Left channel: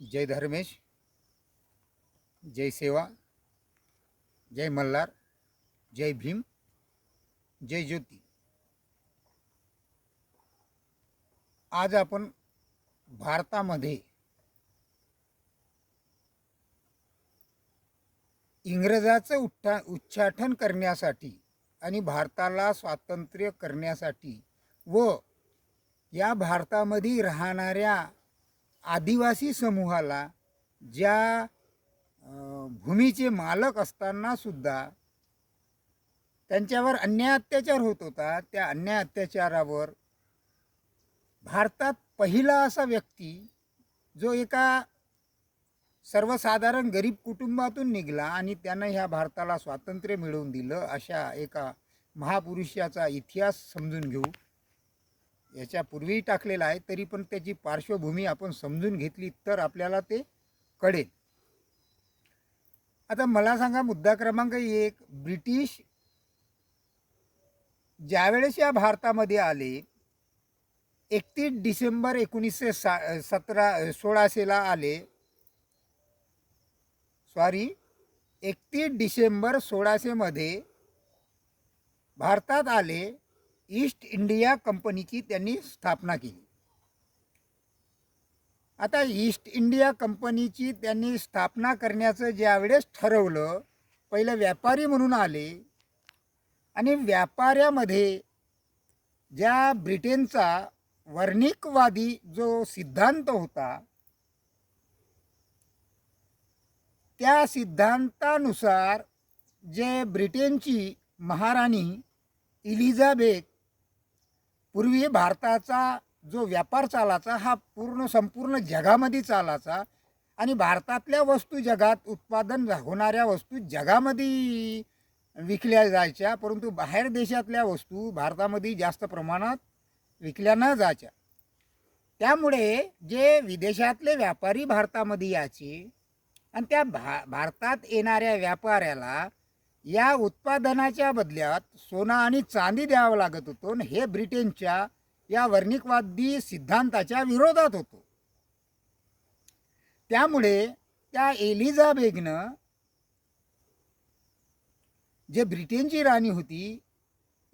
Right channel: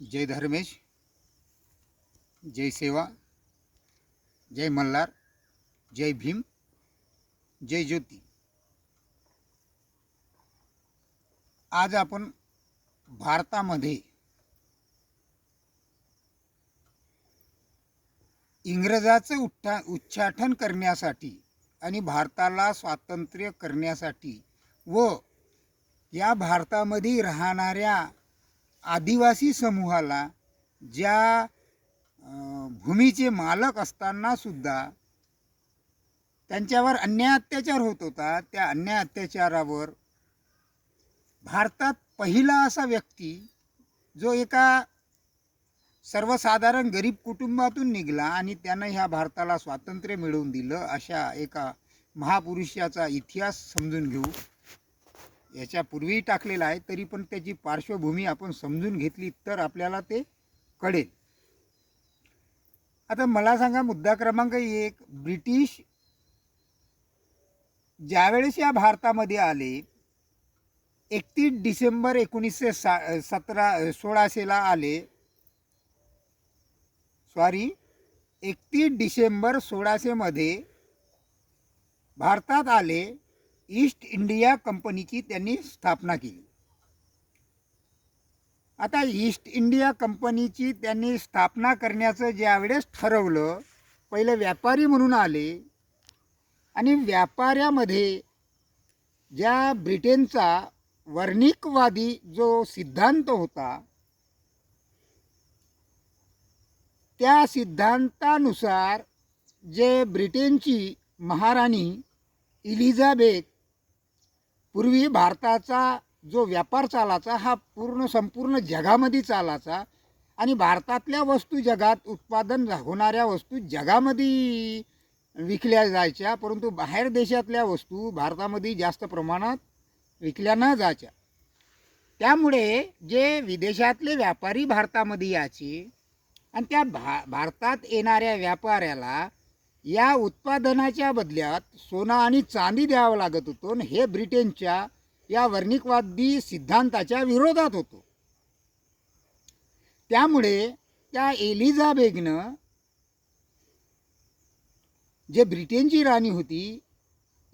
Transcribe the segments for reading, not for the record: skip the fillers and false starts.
जय धर्मेश, जय सेवा, जय मल्हार, जय भीम, जय ज्योती. आज आपण भारतामध्ये इंग्रजाचं उच्चाटन करण्यासाठी आणि भारताला स्वातंत्र्य करण्यासाठी व या भारतामध्ये राहणाऱ्या आदिवासी समूहाला ज्या भूमीचे मालक असताना सुद्धा त्यांच्यावर अन्याय अत्याचार होत होता, त्या अन्याय अत्याचारावर भारतात पहिला असा व्यक्ती जो एका सर्वसाधारण गरीब कुटुंबातून निघाला आणि त्यानं ह्या भारताला स्वातंत्र्य मिळवून दिलं, अशा एका महापुरुषाचा इतिहास समजून घेऊ. याच्यापूर्वी टाकलेला आहे, तरी पण त्याची पार्श्वभूमी आपण समजून घेतली तर आपल्याला ते कळेल. आता मला सांगा, मुद्दा क्रमांक 1, ब्रिटिश ज्यावेळेस या भारतामध्ये आले 31 डिसेंबर 1600 आले. 31 डिसेंबर 1600 मध्ये भारतात आले. ईस्ट इंडिया कंपनीची त्यांनी स्थापना केली. आता ईस्ट इंडिया कंपनीची त्यांनी स्थापना करण्याचं ज्यावेळेस ठरवलं, पहिलं व्यापारी म्हणून आले आणि व्यापाऱ्यामध्ये ज्या ब्रिटनचा वर्णिकवादी जो सिद्धांत होता, त्या सिद्धांतानुसार जे ब्रिटनची महाराणी एलिझाबेथ पूर्वी भारताचा जो व्यापार चालायचा हा संपूर्ण जगामध्ये चालायचा आणि भारतातल्या वस्तू जगात उत्पादन होणाऱ्या वस्तू जगामध्ये विकल्या जायच्या, परंतु बाहेर देशातल्या वस्तू भारतामध्ये जास्त प्रमाणात विकल्या न जायच्या. त्यामुळे जे विदेशातले व्यापारी भारतामध्ये यायचे आणि त्या भारतात येणाऱ्या व्यापाऱ्याला या उत्पादनाच्या बदल्यात सोनं आणि चांदी द्यावं लागत होतं. हे ब्रिटनच्या या वर्णिकवादी सिद्धांताच्या विरोधात होतो. त्यामुळे त्या एलिझाबेथनं, जे ब्रिटनची राणी होती,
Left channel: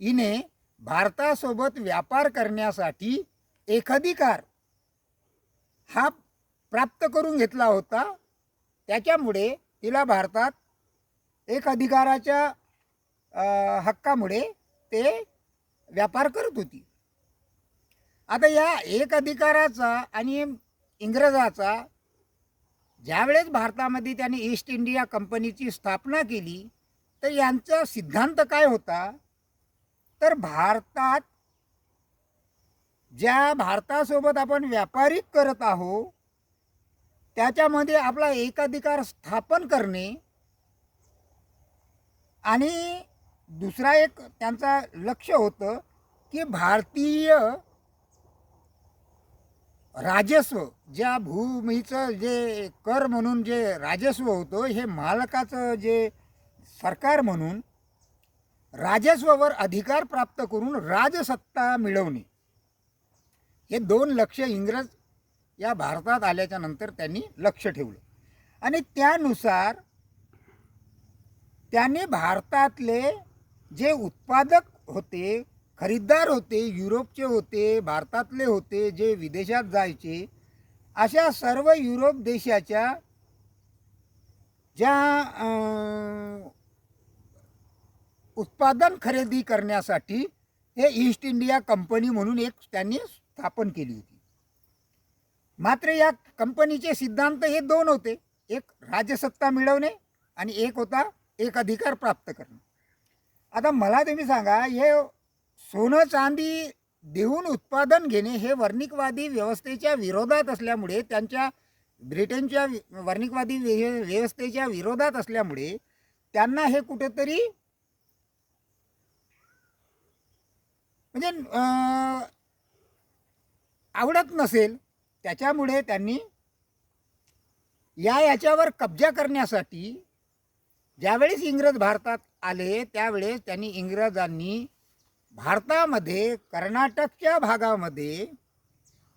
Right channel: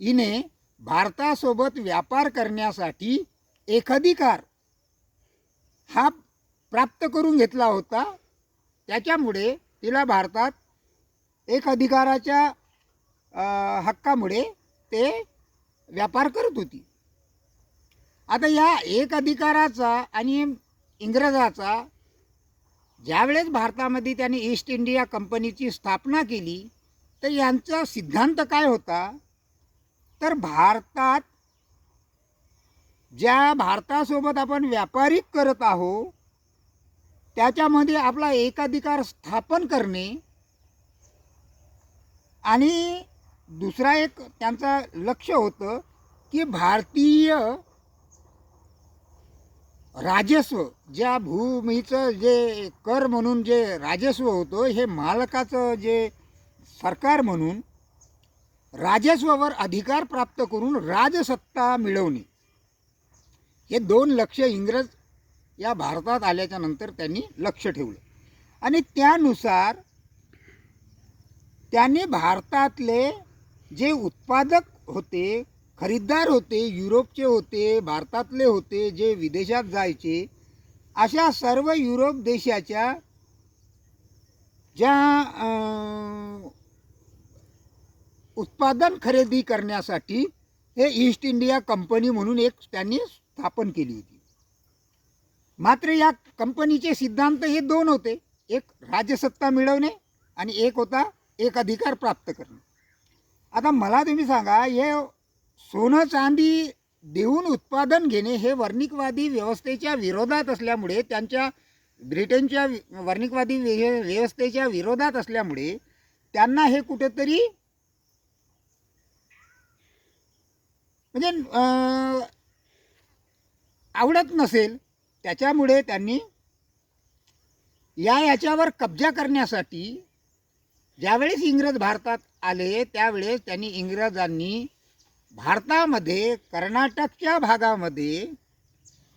हिने भारतासोबत व्यापार करण्यासाठी एकाधिकार हा प्राप्त करून घेतला होता. त्याच्यामुळे तिला भारतात एक अधिकाराच्या हक्कामुळे ते व्यापार करत होती. आता या एक अधिकाराचा आणि इंग्रजाचा ज्यावेळेस भारतामध्ये त्यांनी ईस्ट इंडिया कंपनीची स्थापना केली, तर यांचा सिद्धांत काय होता, तर भारतासोबत आपण व्यापारी करत आहोत, त्याच्यामध्ये आपला एकाधिकार स्थापन करणे आणि दुसरा एक त्यांचा लक्ष होतं की भारतीय राजस्व, ज्या भूमीचं जे कर म्हणून जे राजस्व होतं, हे मालकाचं जे सरकार म्हणून राजस्वावर अधिकार प्राप्त करून राजसत्ता मिळवणे, हे 2 लक्ष इंग्रज या भारतात आल्याच्या नंतर त्यांनी लक्ष ठेवले. आणि त्यानुसार त्यांनी भारतातले जे उत्पादक होते, खरीददार होते, युरोपचे होते, भारतातले होते, जे विदेशात जायचे, अशा सर्व युरोप देशाच्या ज्या उत्पादन खरेदी करण्यासाठी हे ईस्ट इंडिया कंपनी म्हणून एक त्यांनी स्थापन केली होती. मात्र या कंपनीचे सिद्धांत हे 2 होते, एक राजसत्ता मिळवणे आणि एक होता एक अधिकार प्राप्त करणे. आता मला तुम्ही सांगा, हे सोनं चांदी देऊन उत्पादन घेणे हे वर्णिकवादी व्यवस्थेच्या विरोधात असल्यामुळे, त्यांच्या ब्रिटनच्या वर्णिकवादी व्यवस्थेच्या विरोधात असल्यामुळे त्यांना हे कुठेतरी म्हणजे आवडत नसेल. त्याच्यामुळे त्यांनी याच्यावर कब्जा करण्यासाठी ज्यावेळेस इंग्रज भारतात आले, त्यावेळेस इंग्रजांनी भारतामध्ये कर्नाटकच्या भागामध्ये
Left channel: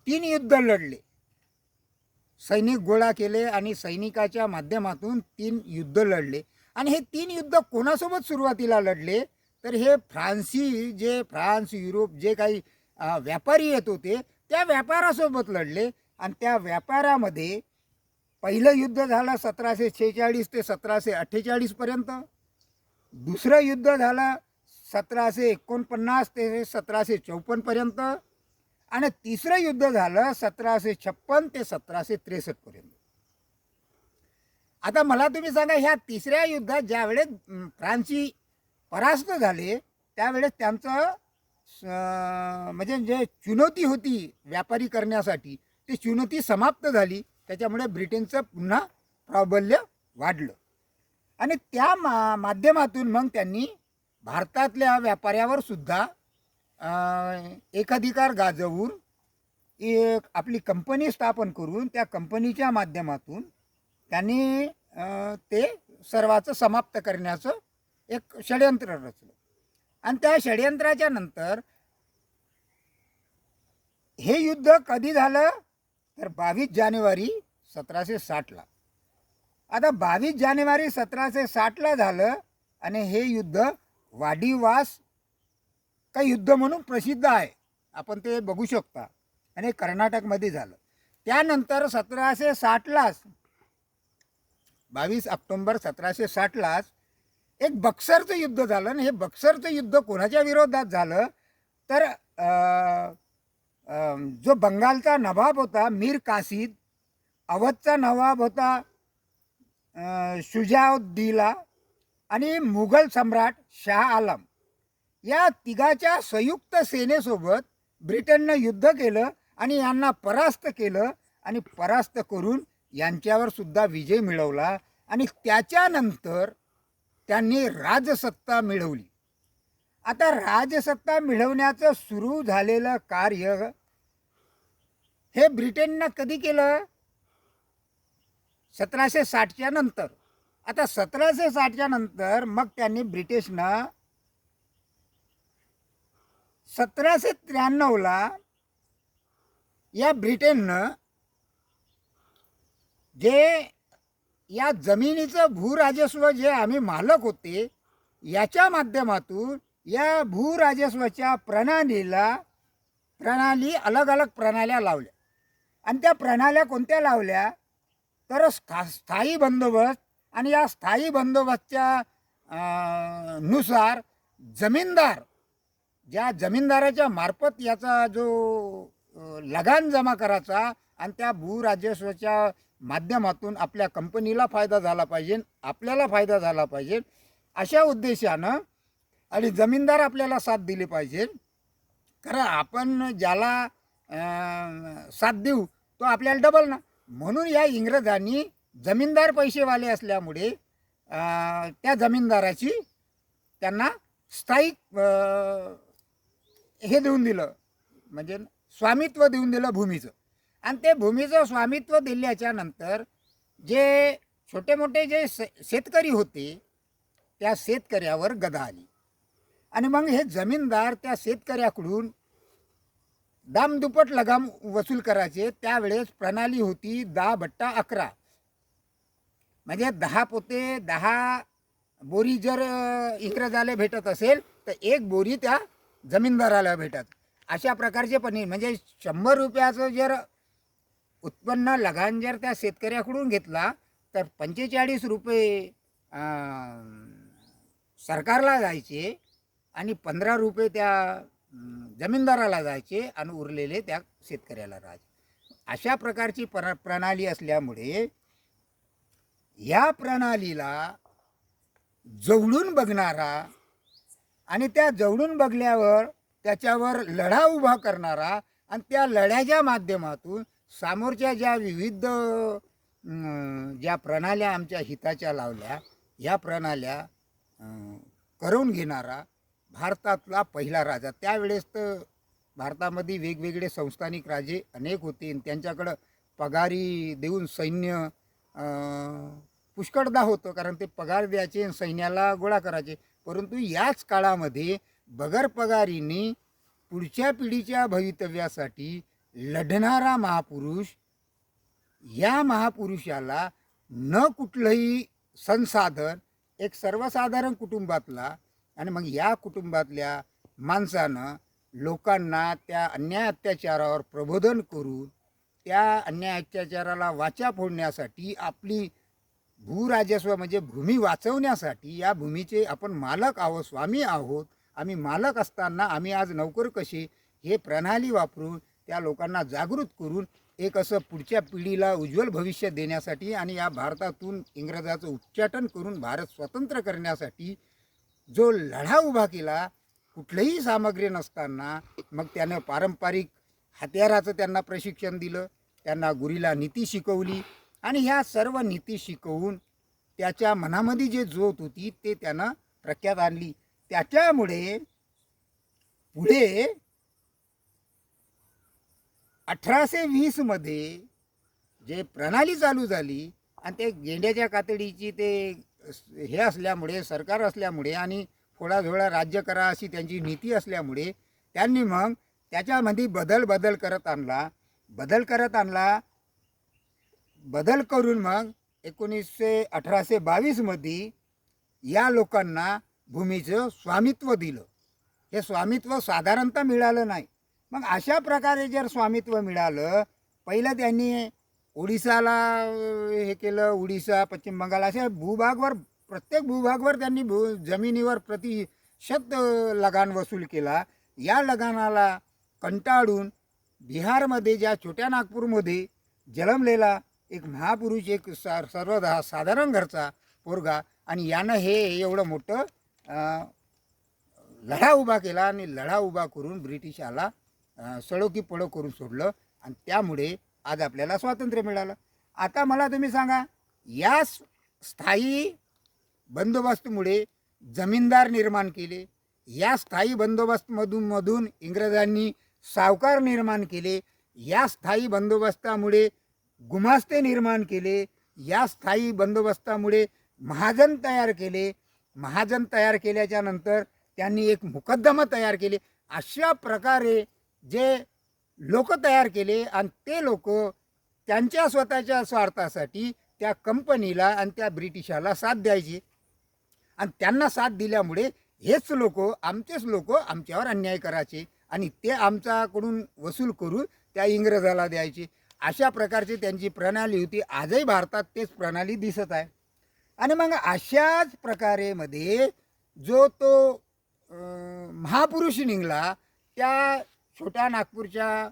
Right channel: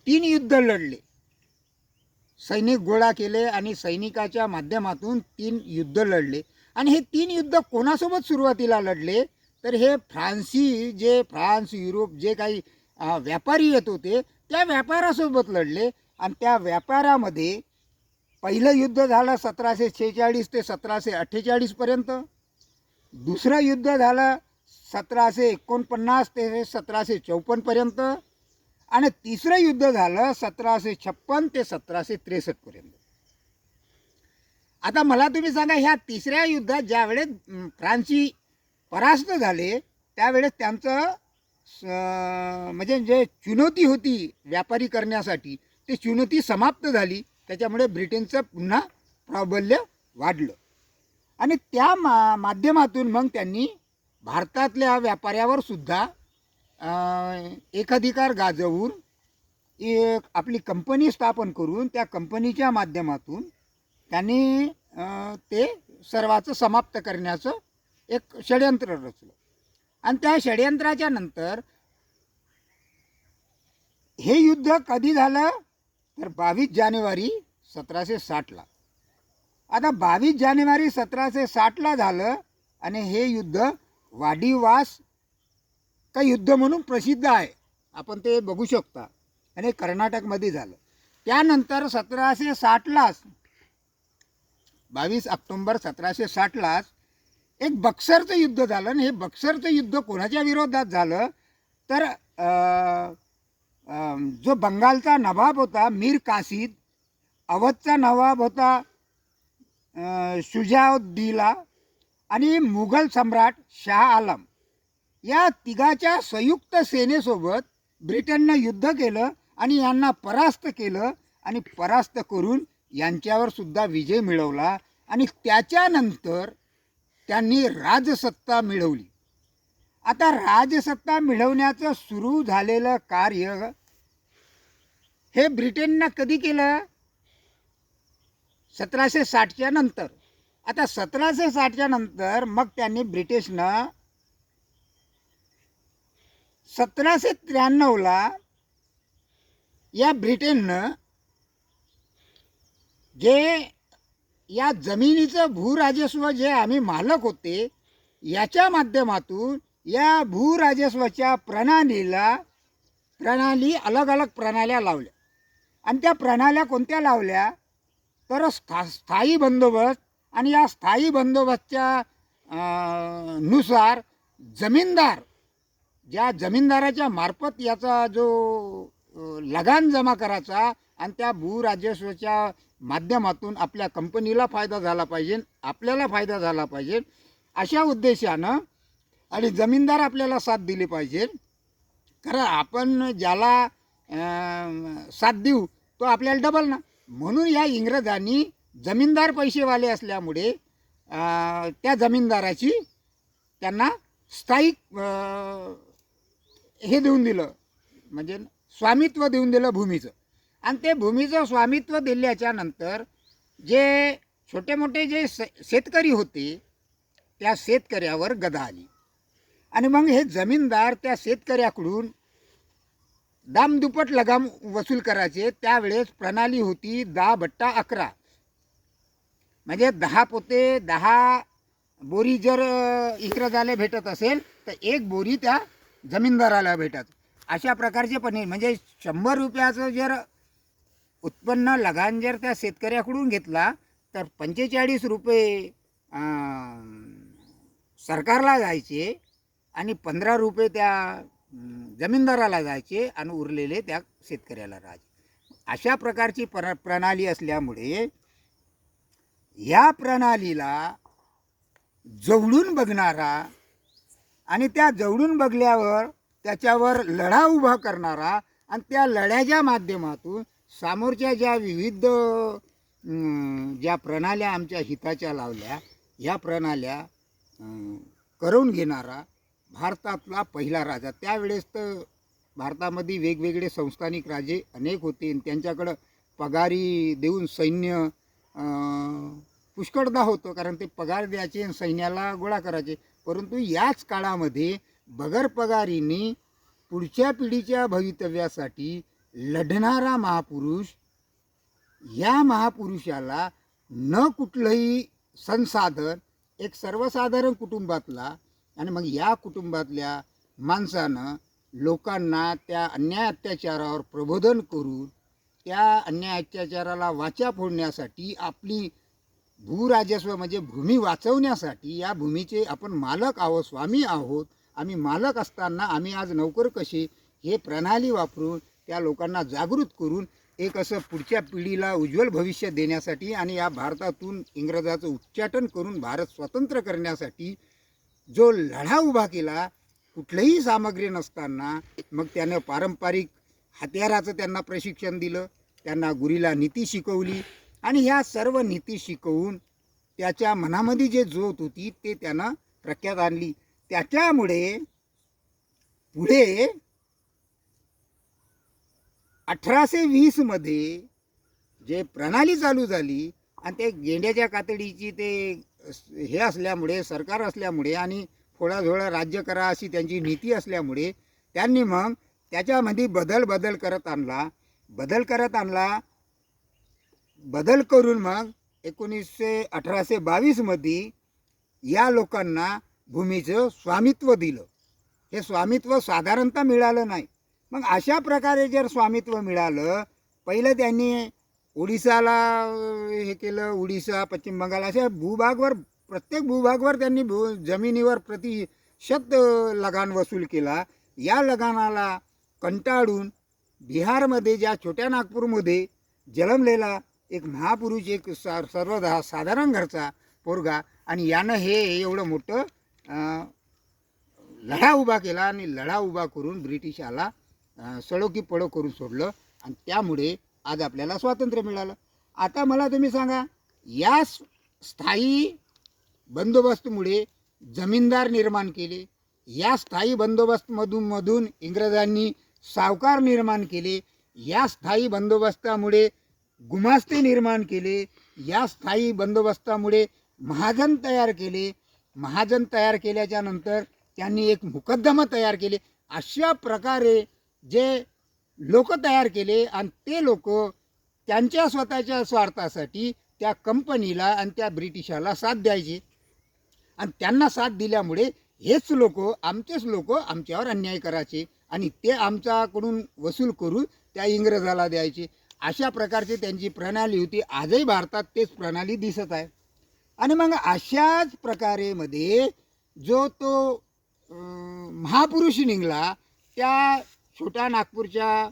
3 युद्ध लढले. सैनिक गोळा केले आणि सैनिकाच्या माध्यमातून 3 युद्ध लढले. आणि हे 3 युद्ध कोणासोबत सुरुवातीला लढले, तर हे फ्रान्स, युरोप जे काही व्यापारी येत होते त्या व्यापारासोबत लढले. आणि त्या व्यापारामध्ये पहिलं युद्ध झालं 1746 ते 1748 पर्यंत. दुसरं युद्ध झालं 1749 ते 1754 पर्यंत. आणि तिसरं युद्ध झालं 1756 ते 1763 पर्यंत. आता मला तुम्ही सांगा, ह्या तिसऱ्या युद्धात ज्यावेळेस फ्रान्सी परास्त झाले त्यावेळेस त्यांचं म्हणजे जे चुनौती होती व्यापारी करण्यासाठी ती चुनौती समाप्त झाली. त्याच्यामुळे ब्रिटनचं पुन्हा प्राबल्य वाढलं. आणि त्या माध्यमातून मग त्यांनी भारतातल्या व्यापाऱ्यावर सुद्धा एकाधिकार गाजवून एक आपली कंपनी स्थापन करून त्या कंपनीच्या माध्यमातून त्यांनी ते सर्वाचं समाप्त करण्याचं एक षडयंत्र रचलं. आणि त्या षडयंत्राच्या नंतर हे युद्ध कधी झालं, तर 22 जानेवारी 1760ला. आता 22 जानेवारी 1760ला झालं. आणि हे युद्ध वाडिवास का युद्ध म्हणून प्रसिद्ध आहे, आपण ते बघू शकता. आणि कर्नाटकमध्ये झालं. त्यानंतर 1760लाच 22 ऑक्टोंबर 1760लाच एक बक्सरचं युद्ध झालं. आणि हे बक्सरचं युद्ध कोणाच्या विरोधात झालं, तर जो बंगालचा नवाब होता मीर कासिद, अवधचा नवाब होता शुजाउद्दौला आणि मुघल सम्राट शाह आलम, या तिघाच्या संयुक्त सेनेसोबत ब्रिटननं युद्ध केलं आणि यांना परास्त केलं. आणि परास्त करून यांच्यावर सुद्धा विजय मिळवला. आणि त्याच्यानंतर त्यांनी राजसत्ता मिळवली. आता राजसत्ता मिळवण्याचं सुरू झालेलं कार्य हे ब्रिटननं कधी केलं, 1760च्या नंतर. आता 1760च्या नंतर मग त्यांनी ब्रिटिशनं 1793ला या ब्रिटननं जे या जमिनीचं भूराजस्व जे आम्ही मालक होते याच्या माध्यमातून या भूराजस्वाच्या प्रणाली अलग अलग प्रणाल्या लावल्या. आणि त्या प्रणाल्या कोणत्या लावल्या, तर स्थायी बंदोबस्त. आणि या स्थायी बंदोबस्तच्या नुसार जमीनदार, ज्या जमीनदाराच्या मार्फत याचा जो लगान जमा करायचा आणि त्या भूराजस्वाच्या माध्यमातून आपल्या कंपनीला फायदा झाला पाहिजे, आपल्याला फायदा झाला पाहिजे, अशा उद्देशानं. आणि जमीनदार आपल्याला साथ दिली पाहिजे, कारण आपण ज्याला साथ देऊ तो आपल्याला डबल ना. म्हणून या इंग्रजांनी जमीनदार पैसेवाले असल्यामुळे त्या जमीनदाराची त्यांना स्थायिक हे देऊन दिलं, म्हणजे स्वामित्व देऊन दिलं भूमीचं. आणि ते भूमीचं स्वामित्व दिल्याच्या नंतर जे छोटे मोठे जे शेतकरी होते त्या शेतकऱ्यावर गदा आली. आणि मग हे जमीनदार त्या शेतकऱ्याकडून दामदुप्पट लगाम वसूल करायचे. त्यावेळेस प्रणाली होती 10/11, म्हणजे 10 पोते 10 बोरी जर इंग्रजाला भेटत असेल तर 1 बोरी त्या जमीनदाराला भेटत. अशा प्रकारचे पण म्हणजे 100 रुपयाचं जर उत्पन्न लगान जर त्या शेतकऱ्याकडून घेतला तर 45 रुपये सरकारला जायचे आणि 15 रुपये त्या जमीनदाराला जायचे आणि उरलेले त्या शेतकऱ्याला राहायचे. अशा प्रकारची प्रणाली असल्यामुळे या प्रणालीला जवळून बघणारा आणि त्या जवळून बघल्यावर त्याच्यावर लढा उभा करणारा आणि त्या लढ्याच्या माध्यमातून समोरच्या ज्या विविध ज्या प्रणाल्या आमच्या हिताच्या लावल्या या प्रणाल्या करून घेणारा भारतातला पहिला राजा. त्यावेळेस तर भारतामध्ये वेगवेगळे संस्थानिक राजे अनेक होते, त्यांच्याकडं पगारी देऊन सैन्य पुष्कळदा होतं, कारण ते पगार द्यायचे सैन्याला गोळा करायचे. परंतु याच काळामध्ये बगर पगारीने पुढच्या पिढीच्या भवितव्यासाठी लढणारा महापुरुष या महापुरुषाला न कुठलंही संसाधन, एक सर्वसाधारण कुटुंबातला, आणि मग या कुटुंबातल्या माणसानं लोकांना त्या अन्याय अत्याचारावर प्रबोधन करून त्या अन्याय अत्याचाराला वाचा फोडण्यासाठी, आपली भूराजस्व म्हणजे भूमी वाचवण्यासाठी, या भूमीचे आपण मालक आहोत, स्वामी आहोत, आम्ही मालक असताना आम्ही आज नोकर कसे, हे प्रणाली वापरून त्या लोकांना जागृत करून एक असं पुढच्या पिढीला उज्ज्वल भविष्य देण्यासाठी आणि या भारतातून इंग्रजाचं उच्चाटन करून भारत स्वतंत्र करण्यासाठी जो लढा उभा केला, कुठलंही सामग्री नसताना, मग त्यानं पारंपरिक हत्याराचं त्यांना प्रशिक्षण दिलं, त्यांना गुरीला नीती शिकवली, आणि ह्या सर्व नीती शिकवून त्याच्या मनामध्ये जे ज्योत होती ते त्यानं प्रख्यात आणली. त्याच्यामुळे पुढे 1820 मध्ये जे प्रणाली चालू झाली, आणि ते गेंड्याच्या कातडीची ते हे असल्यामुळे, सरकार असल्यामुळे, आणि थोडा राज्य करा अशी त्यांची नीती असल्यामुळे, त्यांनी मग त्याच्यामध्ये बदल करत आणला. बदल करून मग 1822 मध्ये या लोकांना भूमीचं स्वामित्व दिलं. हे स्वामित्व साधारणतः मिळालं नाही. मग अशा प्रकारे जर स्वामित्व मिळालं, पहिलं त्यांनी ओडिसाला हे केलं, ओडिसा, पश्चिम बंगाल अशा भूभागवर, प्रत्येक भूभागवर त्यांनी जमिनीवर प्रतिशत लगान वसूल केला. या लगानाला कंटाळून बिहारमध्ये, ज्या छोट्या नागपूरमध्ये जन्मलेला एक महापुरुष, एक साधारण घरचा पोरगा, आणि यानं हे एवढं मोठं लढा उभा केला, आणि लढा उभा करून ब्रिटिशाला सडो की पडो करून सोडलं, आणि त्यामुळे आज आपल्याला स्वातंत्र्य मिळालं. आता मला तुम्ही सांगा, या स्थायी बंदोबस्तमुळे जमीनदार निर्माण केले, या स्थायी बंदोबस्तमधून इंग्रजांनी सावकार निर्माण केले, या स्थायी बंदोबस्तामुळे गुमास्ते निर्माण केले, या स्थायी बंदोबस्तामुळे महाजन तयार केले, महाजन तयार केल्याच्या नंतर त्यांनी एक मुकद्दमा तयार केले. अशा प्रकारे जे लोक तयार केले, आणि ते लोक त्यांच्या स्वतःच्या स्वार्थासाठी त्या कंपनीला आणि त्या ब्रिटिशाला साथ द्यायचे, आणि त्यांना साथ दिल्यामुळे हेच लोक, आमचेच लोक आमच्यावर अन्याय करायचे, आणि ते आमच्याकडून वसूल करून त्या इंग्रजाला द्यायचे. अशा प्रकारची त्यांची प्रणाली होती. आजही भारतात तेच प्रणाली दिसत आहे. आणि मग अशाच प्रकारे मध्ये जो तो महापुरुष निघाला, त्या छोट्या नागपूरच्या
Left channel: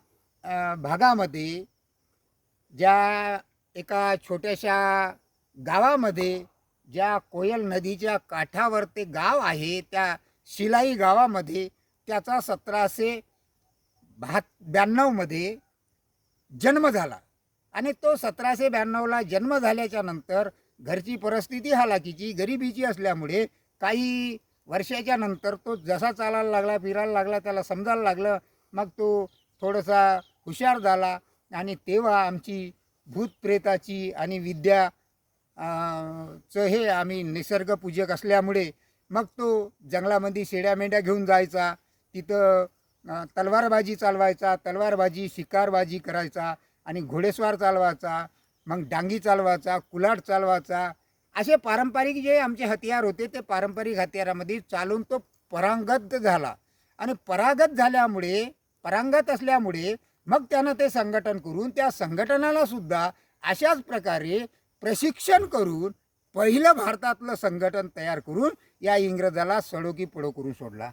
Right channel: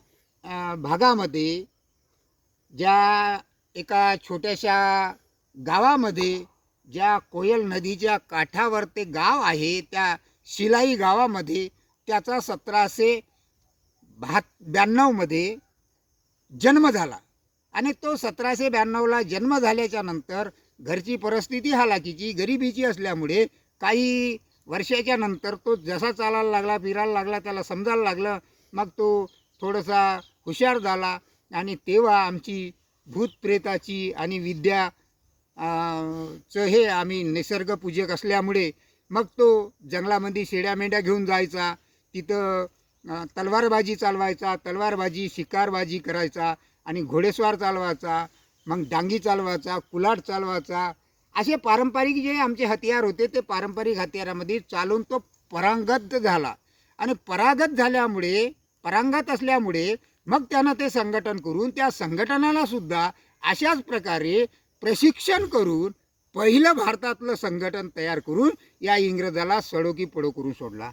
भागामध्ये, ज्या एका छोट्याशा गावामध्ये, ज्या कोयल नदीच्या काठावर ते गाव आहे, त्या शिलाई गावामध्ये त्याचा 1792 मध्ये जन्म झाला. आणि तो 1792ला जन्म झाल्याच्या नंतर घरची परिस्थिती हालाकीची, गरिबीची असल्यामुळे काही वर्षाच्या नंतर तो जसा चालायला लागला, फिरायला लागला, त्याला समजायला लागलं, मग तो थोडासा हुशार झाला. आणि तेव्हा आमची भूतप्रेताची आणि विद्या हे आम्ही निसर्गपूजक असल्यामुळे मग तो जंगलामध्ये शेड्या मेंढ्या घेऊन जायचा, तिथं तलवारबाजी चालवायचा, तलवारबाजी शिकारबाजी करायचा, आणि घोडेस्वार चालवायचा, मग डांगी चालवायचा, कुलाट चालवायचा. असे पारंपरिक जे आमचे हत्यार होते, ते पारंपरिक हत्यारामध्ये चालून तो परांगत झाला. आणि परांगत असल्यामुळे मग त्यानं ते संघटन करून त्या संघटनाला सुद्धा अशाच प्रकारे प्रशिक्षण करून पहिलं भारतातलं संघटन तयार करून या इंग्रजाला सडो की पडो करून सोडला.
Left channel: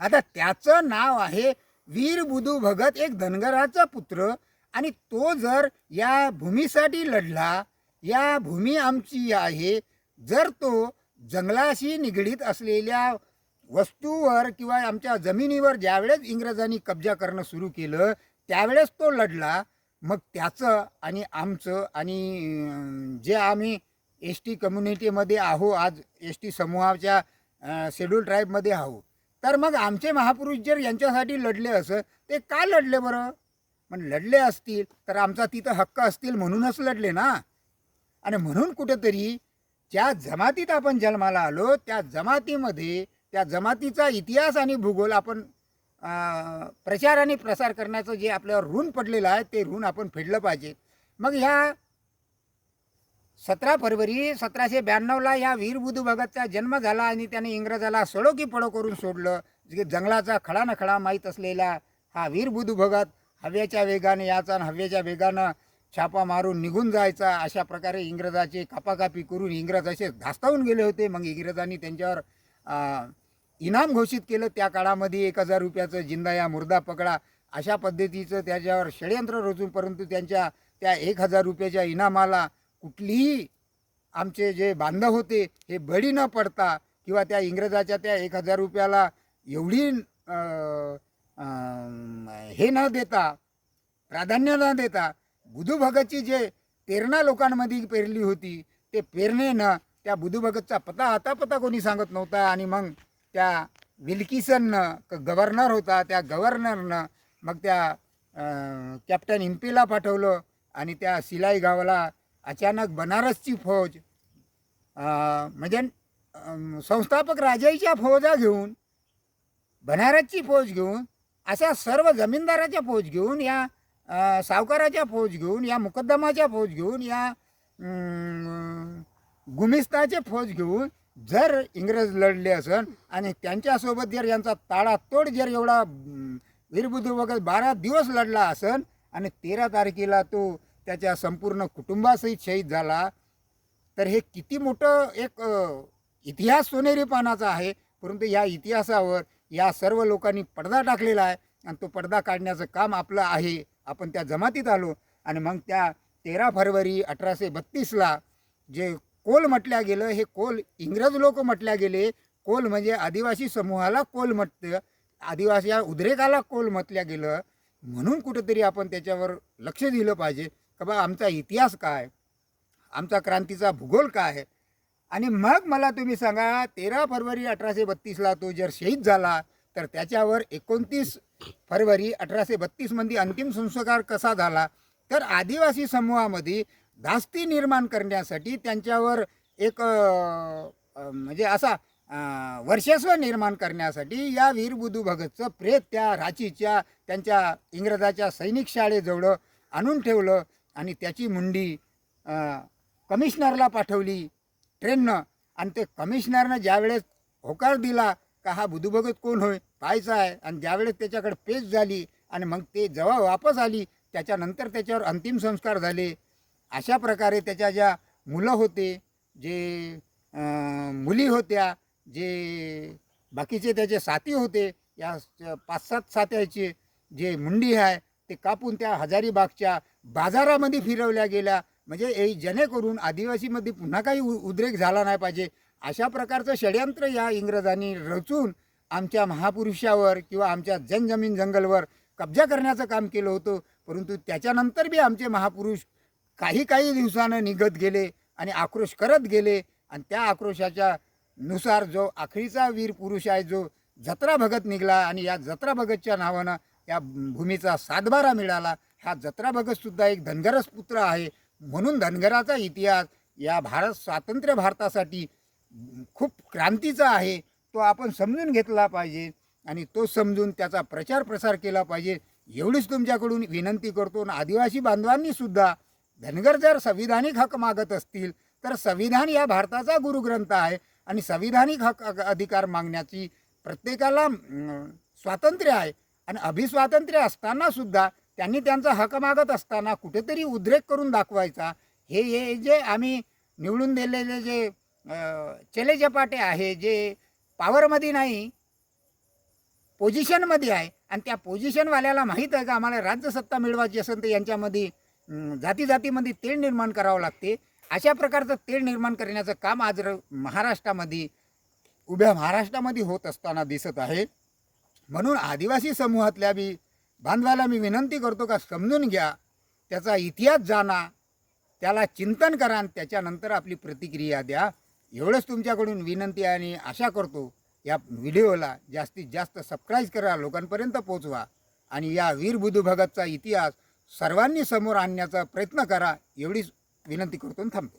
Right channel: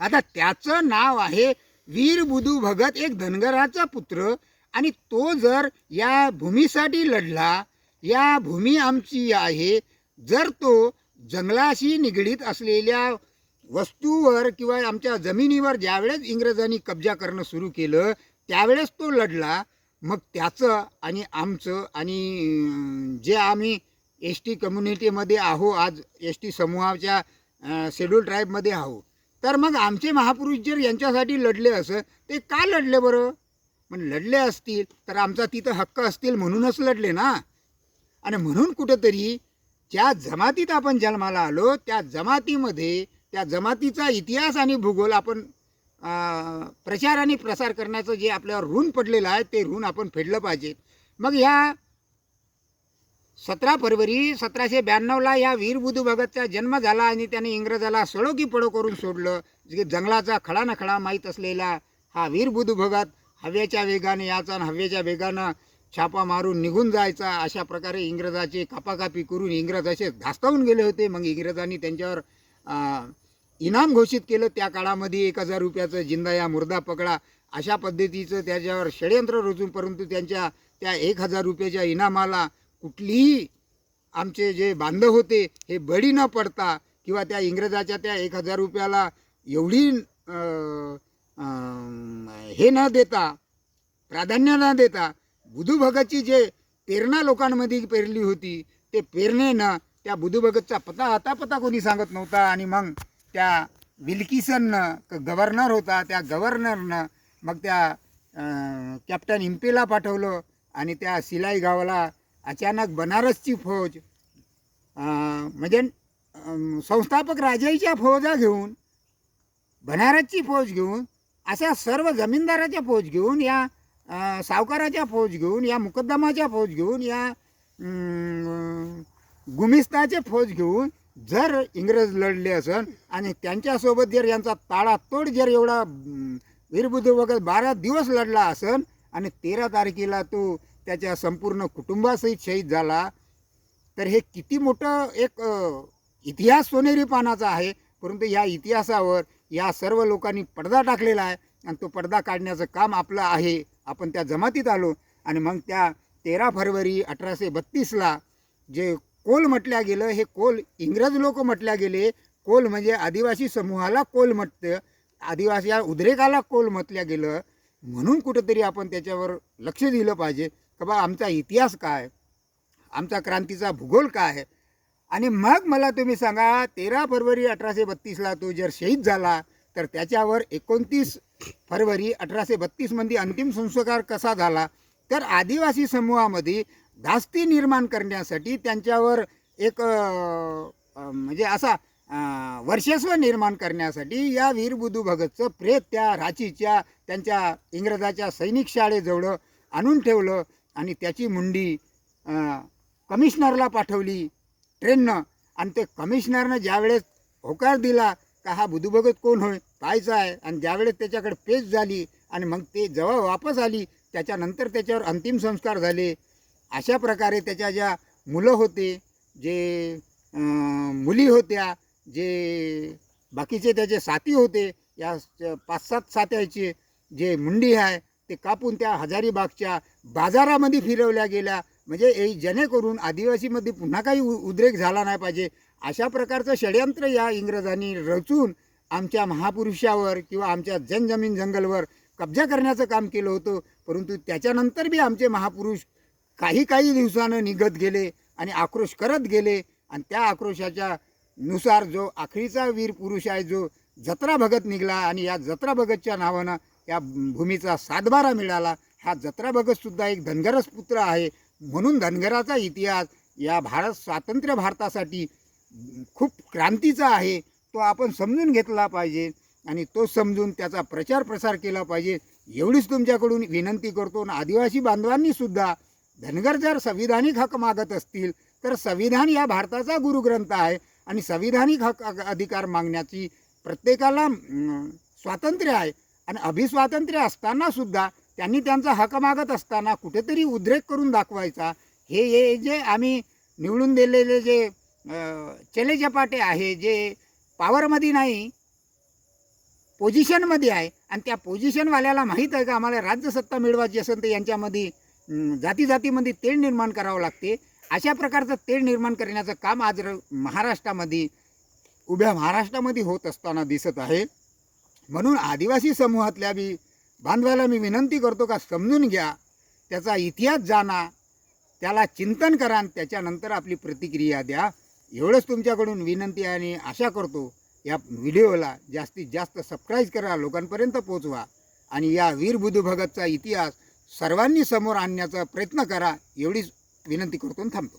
आता त्याचं नाव आहे वीर बुधू भगत, एक धनगराचा पुत्र. आणि तो जर या भूमीसाठी लढला, या भूमी आमची आहे, जर तो जंगलाशी निगडीत असलेल्या वस्तूवर किंवा आमच्या जमिनीवर ज्यावेळेस इंग्रजांनी कब्जा करणं सुरू केलं, त्यावेळेस तो लढला, मग त्याचं आणि आमचं, आणि जे आम्ही एस टी कम्युनिटीमध्ये आहो, आज एस टी समूहाच्या शेड्यूल ट्राईबमध्ये आहो, तर मग आमचे महापुरुष जर यांच्यासाठी लढले असं, ते का लढले बरं? पण लढले असतील तर आमचा तिथं हक्क असतील म्हणूनच लढले ना. आणि म्हणून कुठंतरी ज्या जमातीत आपण जन्माला आलो, त्या जमातीमध्ये, त्या जमातीचा इतिहास आणि भूगोल आपण प्रचार आणि प्रसार करण्याचं जे आपल्यावर ऋण पडलेलं आहे, ते ऋण आपण फेडलं पाहिजे. मग ह्या 17 फरवरी 1792ला या वीर बुधू भगतचा जन्म झाला आणि त्याने इंग्रजाला सडो की पडो करून सोडलं. जे जंगलाचा खडा न खडा माहीत असलेला हा वीर बुधू भगत हव्याच्या वेगाने याचा आणि हव्याच्या वेगानं छापा मारून निघून जायचा. अशा प्रकारे इंग्रजाची कापाकापी करून इंग्रज असे धास्तावून गेले होते. मग इंग्रजांनी त्यांच्यावर इनाम घोषित केलं. त्या काळामध्ये 1000 रुपयाचं जिंदा या मुर्दा पकडा अशा पद्धतीचं त्याच्यावर षडयंत्र रचून, परंतु त्यांच्या त्या 1000 रुपयाच्या इनामाला कुठलीही आमचे जे बांधव होते हे बळी न पडता किंवा त्या इंग्रजाच्या त्या 1000 रुपयाला एवढी हे न देता, प्राधान्य न देता, बुधू भगतची जे प्रेरणा लोकांमध्ये पेरली होती ते प्रेरणेनं त्या बुधू भगतचा पता कोणी सांगत नव्हता. आणि मग त्या विल्किसननं गव्हर्नर होता, त्या गव्हर्नरनं मग त्या कॅप्टन इम्पेला पाठवलं आणि त्या सिलाई गावाला अचानक बनारसची फौज म्हणजे संस्थापक राजाईच्या फौजा घेऊन, बनारसची फौज घेऊन, अशा सर्व जमीनदाराच्या फौज घेऊन, या सावकाराच्या फौज घेऊन, या मुकद्दमाच्या फौज घेऊन, या गुमिस्ताचे फौज घेऊन जर इंग्रज लढले असन आणि त्यांच्यासोबत जर यांचा ताळातोड जर एवढा वीर बुधू भगत 12 दिवस लढला असन आणि 13 तारखेला तो त्याच्या संपूर्ण कुटुंबासहित शहीद झाला, तर हे किती मोठं एक इतिहास सोनेरी पानाचा आहे. परंतु या इतिहासावर या सर्व लोकांनी पडदा टाकलेला आहे आणि तो पडदा काढण्याचं काम आपलं आहे. आपण त्या जमातीत आलो आणि मग त्या 13 फरवरी 1832ला जे कोल म्हटल्या गेलं, हे कोल इंग्रज लोक म्हटल्या गेले. कोल म्हणजे आदिवासी समूहाला कोल म्हटतं, आदिवासी या उद्रेकाला कोल म्हटल्या गेलं. म्हणून कुठेतरी आपण त्याच्यावर लक्ष दिलं पाहिजे का बा आमचा इतिहास काय, आमचा क्रांतीचा भूगोल काय आहे. आणि मग मला तुम्ही सांगा 13 फरवरी 1832ला तो जर शहीद झाला तर त्याच्यावर 29 फरवरी 1832मध्ये अंतिम संस्कार कसा झाला, तर आदिवासी समूहामध्ये धास्ती निर्माण करण्यासाठी त्यांच्यावर एक म्हणजे असा वर्चस्व निर्माण करण्यासाठी या वीर बुधू भगतचं प्रेत त्या रांचीच्या त्यांच्या इंग्रजाच्या सैनिक शाळेजवळ आणून ठेवलं आणि त्याची मुंडी कमिशनरला पाठवली ट्रेननं. आणि ते कमिशनरनं ज्यावेळेस होकार दिला का हा बुधू भगत कोण होय पाहायचं आहे, आणि ज्यावेळेस त्याच्याकडे पेच झाली आणि मग ते जेव्हा वापस आली त्याच्यानंतर त्याच्यावर अंतिम संस्कार झाले. अशा प्रकारे त्याच्या ज्या मुलं होते, जे मुली होत्या, जे बाकीचे त्याचे साथी होते, या 5-7 साथ्याचे जे मुंडी आहे ते कापून त्या हजारीबागच्या बाजारामध्ये फिरवल्या गेल्या. म्हणजे जेणेकरून आदिवासीमध्ये पुन्हा काही उद्रेक झाला नाही पाहिजे. अशा प्रकारचं षडयंत्र या इंग्रजांनी रचून आमच्या महापुरुषावर किंवा आमच्या जनजमीन जंगलवर कब्जा करण्याचं काम केलं होतं. परंतु त्याच्यानंतर बी आमचे महापुरुष काही दिवसानं निघत गेले आणि आक्रोश करत गेले. आणि त्या आक्रोशाच्या नुसार जो आखरीचा वीर पुरुष आहे जो जत्रा भगत निघाला आणि या जत्रा भगतच्या नावानं या भूमीचा सातबारा मिळाला. हा जत्रा भगतसुद्धा एक धनगरच पुत्र आहे. म्हणून धनगराचा इतिहास या स्वातंत्र्य भारतासाठी खूप क्रांतीचा आहे. तो आपण समजून घेतला पाहिजे आणि तो समजून त्याचा प्रचार प्रसार केला पाहिजे. एवढीच तुमच्याकडून विनंती करतो. आणि आदिवासी बांधवांनीसुद्धा धनगर जर संविधानिक हक मागत असतील तर संविधान या भारताचा गुरुग्रंथ आहे आणि संविधानिक हक अधिकार मागण्याची प्रत्येकाला स्वातंत्र्य आहे. आणि अभिस्वातंत्र्य असतानासुद्धा त्यांनी त्यांचा हक मागत असताना कुठेतरी उद्रेक करून दाखवायचा. हे जे आम्ही निवडून दिलेले जे चेलेचपाटे आहे, जे पॉवरमध्ये नाही पोझिशनमध्ये आहे, आणि त्या पोझिशनवाल्याला माहीत आहे का आम्हाला राज्यसत्ता मिळवायची असेल तर यांच्यामध्ये जातीमध्ये तेढ निर्माण करावं लागते. अशा प्रकारचं तेढ निर्माण करण्याचं काम आज महाराष्ट्रामध्ये उभ्या महाराष्ट्रामध्ये होत असताना दिसत आहे. म्हणून आदिवासी समूहातल्या बी बांधवाला मी विनंती करतो का समजून घ्या, त्याचा इतिहास जाणा, त्याला चिंतन करा आणि त्याच्यानंतर आपली प्रतिक्रिया द्या. एवढंच तुमच्याकडून विनंती आहे आणि आशा करतो या व्हिडिओला जास्तीत जास्त सबस्क्राईब करा, लोकांपर्यंत पोचवा आणि या वीर बुधू भगतचा इतिहास सर्वांनी समोर आणण्याचा प्रयत्न करा. एवढीच विनंती करतो आणि थांबतो.